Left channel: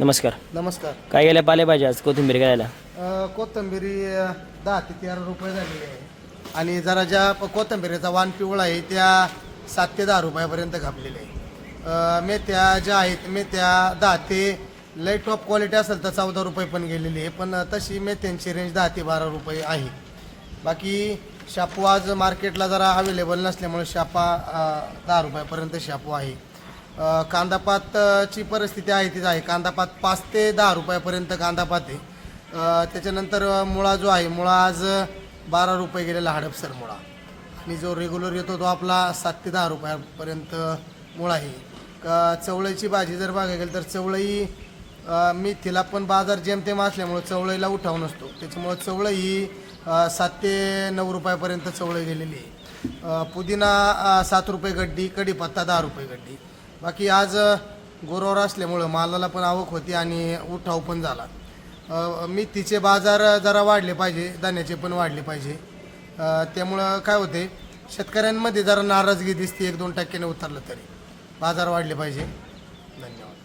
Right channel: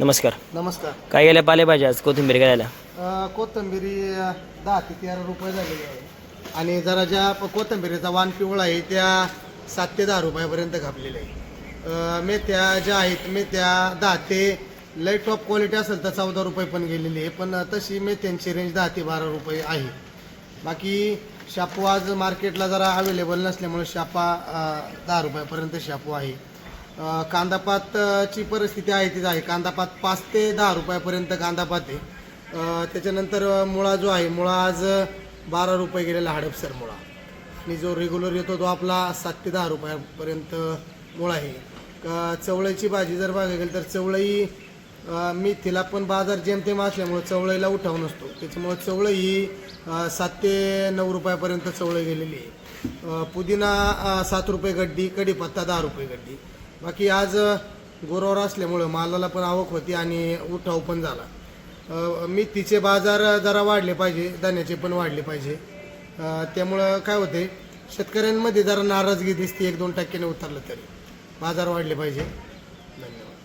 नमस्कार. नमस्कार. काय गेल्या पालेभाज्या आज कोथिंबीर घ्यायला? कोथिंबिरी 10 ते 13 रुपये झालेली आहे आणि जरा ज्या कोथिंबिरीचा वाण पिवळा आहे त्या 7 ते 10 रुपयापर्यंत घापलेल्या आहे. मेथ्या ज्या आहेत मेथ्या 10 ते लय टॉप क्वालिटी असेल तर 14 रुपये पण गेलेली आहे, पण तशी मेथ्यांची रेंज 10 ते 12 रुपये आहे. बाकी शापू आज मार्केटला जरा अवेलेबल नसल्यामुळे शापा 10 रुपयापर्यंत शापू आहे. कांदापातची परिस्थिती आहे तीच आहे. कांदापात 5 ते 10 रुपयापर्यंत कांदापात आहे. त्याच्यानंतर मुळा जो आहे मुळा आज 12 रुपये गेलेला हडपसर मुळा आणि जो रेग्युलर येतो तो आपला 7 ते 10 रुपयापर्यंत मुळा आहे. चवळीची भाजी जर बघायला गेलं तर चवळी मेथीला पण बाजार जेमतेम असल्यामुळे चवळीला उठाव नसतो, त्याच्यामुळे चवळी ही 7 ते 9 रुपयापर्यंत चवळी गेलेली आहे. पुदिना 7 रुपये गड्डी, कढीपत्ता 10 रुपये गड्डी. बाकी आज गोरवर असल्यामुळं मालाला पण आवक होती आणि उठाव पण झाला. मेथीचे बाजार जरा वाढले पाहिजे, धान्याचे पण वाढले पाहिजे. त्यामुळं काय होते शेतकऱ्यांमध्ये जरा नाराजगी दिसते, 1-2% उतरलं तरी बाजार वाढले पाहिजे. धन्यवाद.